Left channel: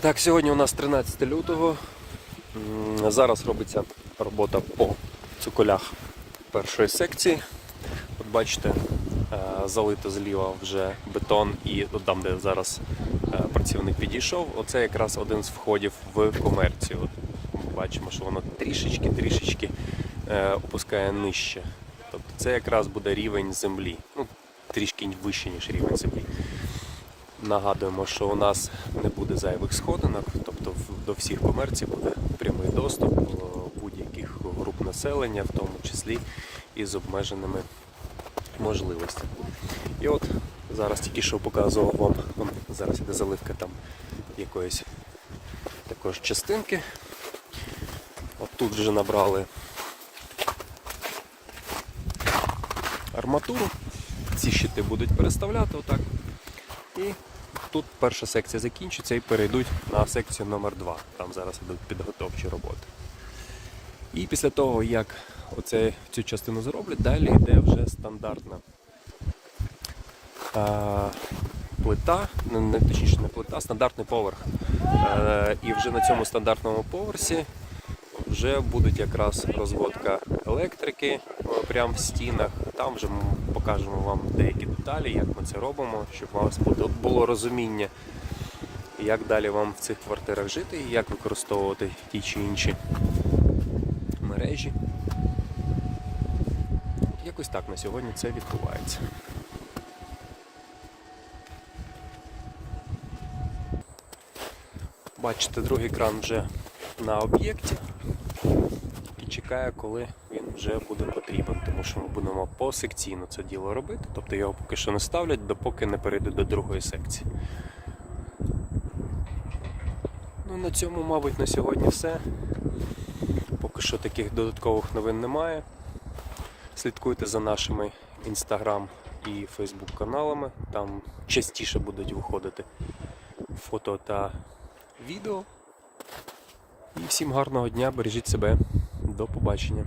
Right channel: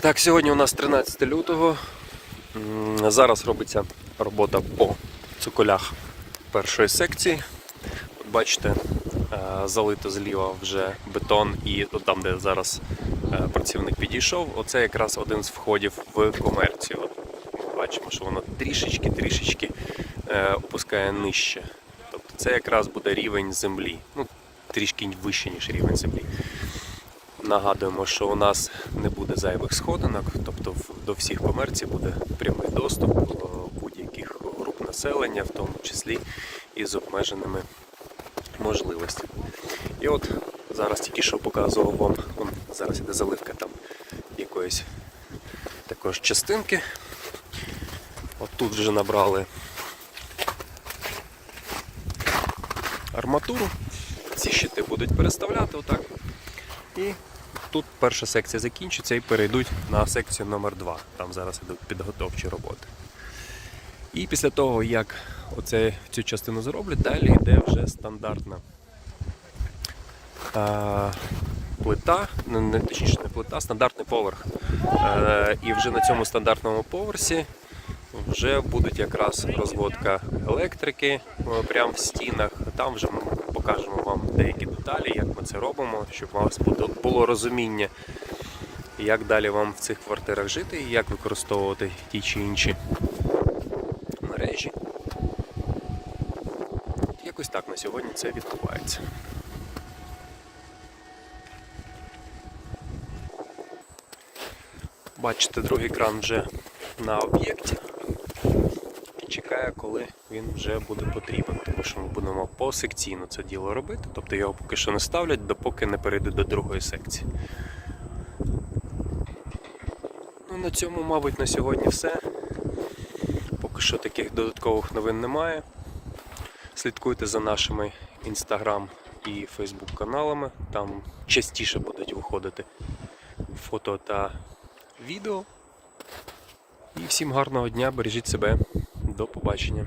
Так, сьогодні у нас 13 лютого. Зараз робиться робота по цикулях першої секції. От бачите, е, залито зліва вже бетон і от там, де зараз е, працівник підійшов, оце якраз один з входів в комерцію. От бачимо, що воно трішечки-трішечки е, опускає нижче. Тобто це якраз буде рівень землі. Ну, трішки вище, ніж рівень землі. Нагадуємо, що у нас не буде зайвих сходинок, тобто до всіх комерцій буде прямий доступ е, будь-яких груп населення, в тому числі і з обмеженими можливостями. І от зараз тільки що показував вам, зараз іде заливка там якоїсь також частинки. От тут вже набрали арматуру. Ці щити будуть переставляти отак. І тут перша секція закінчиться і перейдуть на секцію номер 2 Там зараз йдуть підготовчі роботи. І після того, як оце, цю частину зроблять, далі йде вже стандартна а, плита, не точніше не плита, стандартний поверх. Е, і вже на цьому стандартному поверсі вже будуть якраз розводка електрики е, прямо в стінах. Там вже покажемо вам деякі деталі, як ми це робимо, щоб у вас було розуміння, як далі вам в цих квартирах жити і як використовувати ті чи інші мережі. Якось так на сьогодні це відбувається. Бачите, другий кран вже на об'єкті чекає, коли він вже буде потрібен, тому що ми будемо посекційно це діло робити, тобто його поки що не ставлять, допоки не перейде до другої секції. Ну, на цьому, мабуть, на сьогодні все. Поки що таких додаткових новин немає. Слідкуйте за нашими інстаграм і фейсбук каналами. Там частіше будуть виходити фото та відео. І всім гарного дня, бережіть себе. До побачення.